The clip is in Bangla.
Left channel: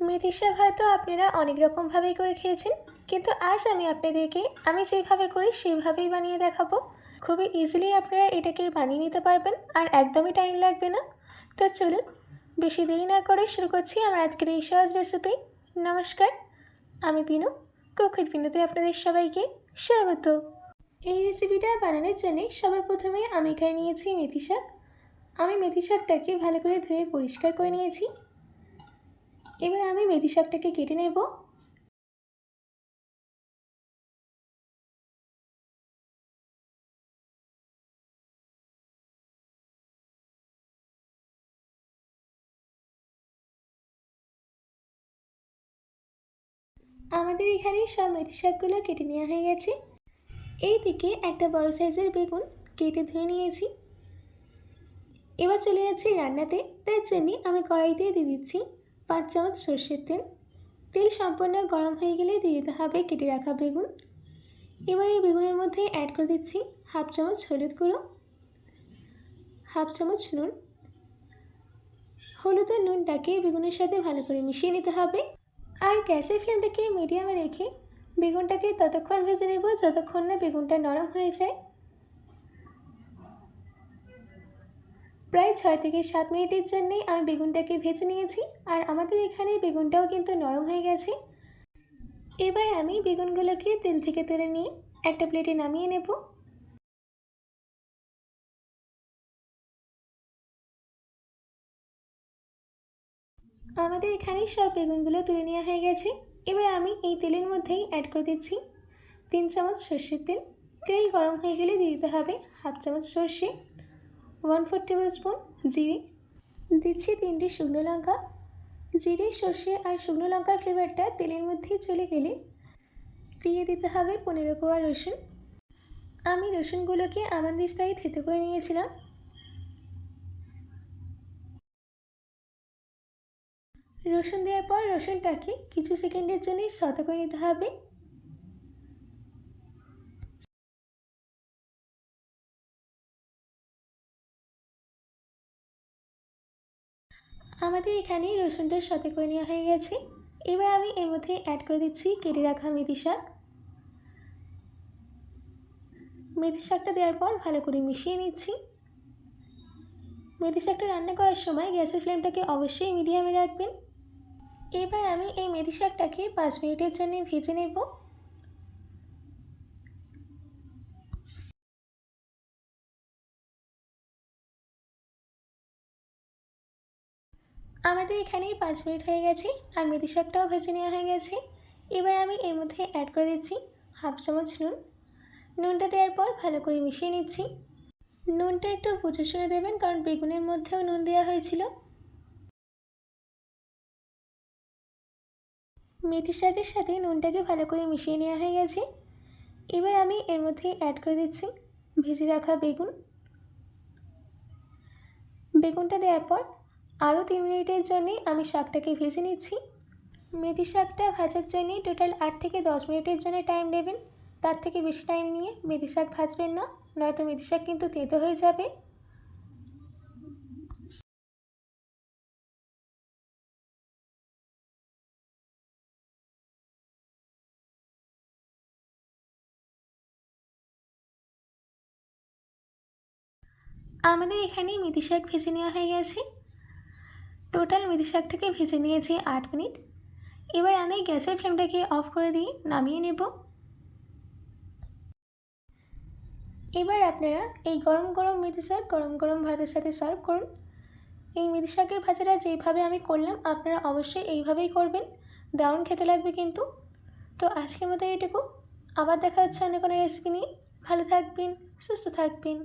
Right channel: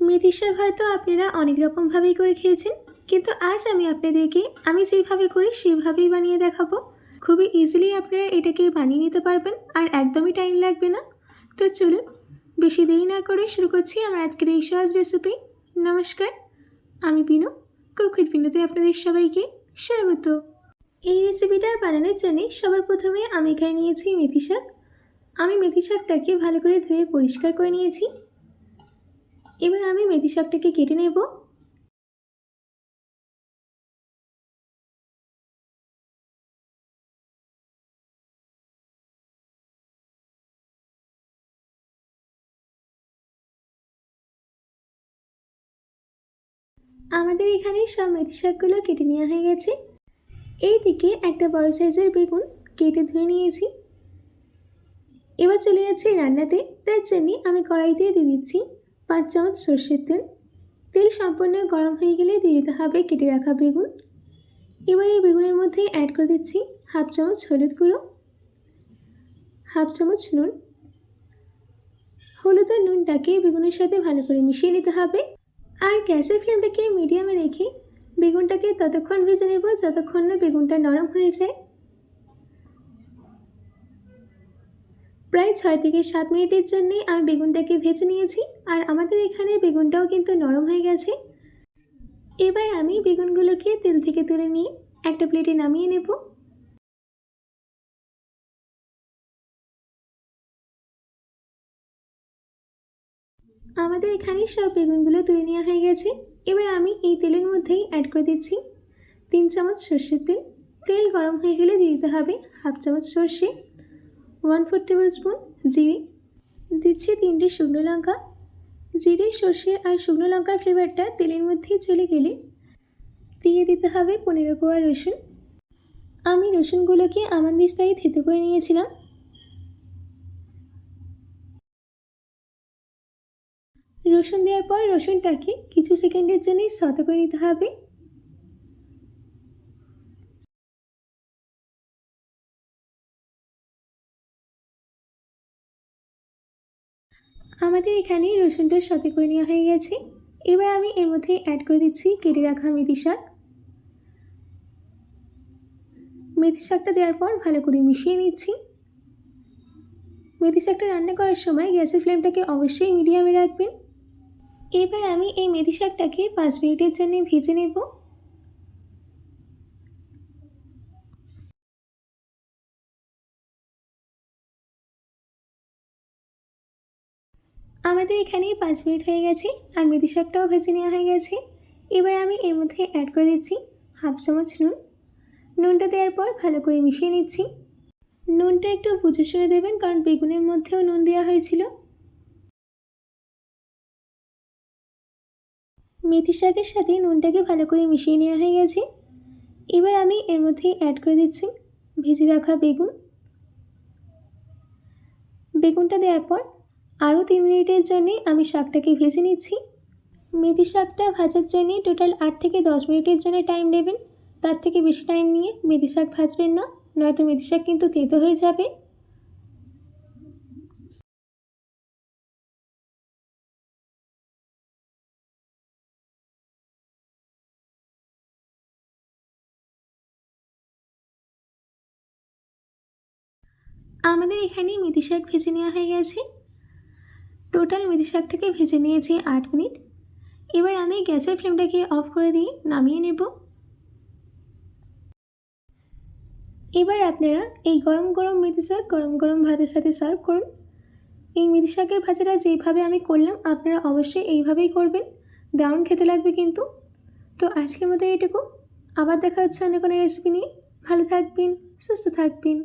মেথি শাক হয়তো আপনারা অনেক রকমভাবেই করে খেয়েছেন, কিন্তু আজ আমি আপনাদেরকে আমি যেভাবে করি সেইভাবেই বানিয়ে দেখাবো। খুবই ইজিলি আপনারা এটাকে বানিয়ে নিতে পারবেন আর একদমই টাইম লাগবে না। তো চলুন বেশি দেরি না করে শুরু করছি আমার আজকের এই সহজ রেসিপি। নমস্কার, আমি বিনু, কুক বিনুতে আপনাদের সবাইকে স্বাগত। এই রেসিপিটা বানানোর জন্য সবার প্রথমে আমি এখানে নিয়েছি মেথি শাক। আমি মেথি শাকটাকে ভালো করে ধুয়ে পরিষ্কার করে নিয়েছি। এবার আমি মেথি শাকটাকে কেটে নেব। আমাদের এখানে সব মেথি শাকগুলো কেটে নেওয়া হয়ে গেছে। এইদিকে একটা বড় সাইজের বেগুন কেটে ধুয়ে নিয়েছি। এবার চলে যাচ্ছি রান্নাতে। তার জন্য আমি কড়াইতে দিয়ে দিচ্ছি 5 চামচ সর্ষের তেল। তেল সম্পূর্ণ গরম হয়ে গেলে দিয়ে দিতে হবে কেটে রাখা বেগুন। এবার এই বেগুনের মধ্যে অ্যাড করে দিচ্ছি হাফ চামচ হলুদ গুঁড়ো, হাফ চামচ নুন। হলুদ আর নুনটাকে বেগুনের সাথে ভালো করে মিশিয়ে নিতে হবে। আর গ্যাসের ফ্লেমটাকে মিডিয়ামে রেখে বেগুনটাকে ততক্ষণ ভেজে নেব যতক্ষণ না বেগুনটা নরম হয়ে যায়। প্রায় 6 থেকে 7 মিনিটের জন্যে আমি বেগুনটাকে ভেজে নিয়েছি আর আমাদের এখানে বেগুনটাও কিন্তু নরম হয়ে গেছে। এবার আমি বেগুনগুলোকে তেল থেকে তুলে নিয়ে একটা প্লেটে নামিয়ে নেব। আমাদের এখানে সব বেগুনগুলো তুলে নেওয়া হয়ে গেছে। এবার আমি এই তেলের মধ্যেই অ্যাড করে দিচ্ছি 3 চামচ সর্ষের তেল। তেল গরম হয়ে গেলে দিয়ে দিতে হবে হাফ চামচ সর্ষে, 1/4 টেবিল স্পুন জিরে, দিচ্ছি 3টে শুকনো লঙ্কা। জিরে, সর্ষে আর শুকনো লঙ্কার ফ্লেভারটা তেলের মধ্যেই চলে গেলে দিয়ে দিতে হবে 15 কোয়া রসুন। আমি রসুনগুলোকে আমানদিস্তায় থেতো করে নিয়েছিলাম। রসুন দেওয়ার পর রসুনটাকে কিছু সেকেন্ডের জন্য সতে করে নিতে হবে। আমাদের এখানে রসুনটা সতে করে নেওয়া হয়ে গেছে। এবার আমি এর মধ্যে অ্যাড করে দিচ্ছি কেটে রাখা মেথি শাক। মেথি শাকটা দেওয়ার পর ভালো করে মিশিয়ে নিচ্ছি। মেথি শাকটা রান্না করার সময় গ্যাসের ফ্লেমটাকে অবশ্যই মিডিয়ামে রাখবেন। এবার আমি এই মেথি শাকটাকে 5 মিনিটের জন্য ভেজে নেব। আমাদের এখানে 5 মিনিট হয়ে গেছে আর মেথি শাকটাও ভেজে নেওয়া হয়ে গেছে। এবার আমি এর মধ্যে অ্যাড করে দিচ্ছি হাফ চামচ নুন। নুনটা দেওয়ার পর ভালো করে মিশিয়ে নিচ্ছি। নুনটা একটু বুঝে শুনে দেবেন, কারণ বেগুনের মধ্যেও নুন দেওয়া হয়েছিল। মেথি শাকের সাথে নুনটাকে ভালো করে মিশিয়ে নেওয়া হয়ে গেছে। এবার আমি এর মধ্যে অ্যাড করে দিচ্ছি ভেজে রাখা বেগুন। বেগুনটা দেওয়ার পর আরও 3 মিনিটের জন্যে আমি শাকটাকে ভেজে নিচ্ছি। মেথি শাকটা ভাজার জন্যে টোটাল 8 থেকে 10 মিনিটের জন্য টাইম নেবেন। তার থেকে বেশি টাইম নিয়ে মেথি শাক ভাজবেন না, নয়তো মেথি শাক কিন্তু তেতো হয়ে যাবে। আমাদের এখানে মেথি শাক ভেজে নেওয়া হয়ে গেছে। টোটাল মেথি শাকটাকে ভেজে নিয়েছি 8 মিনিট। এবার আমি গ্যাসের ফ্লেমটাকে অফ করে দিয়ে নামিয়ে নেব। এবার আপনারা এই গরম গরম মেথি শাক গরম গরম ভাতের সাথে সার্ভ করুন। এই মেথি শাকের ভাজাটা যেভাবে আমি করলাম আপনারা অবশ্যই এইভাবেই করবেন, দারুণ খেতে লাগবে কিন্তু। তো আজকের মতো এইটুকু, আবার দেখা হচ্ছে অন্য কোনো রেসিপি নিয়ে। ভালো থাকবেন, সুস্থ থাকবেন।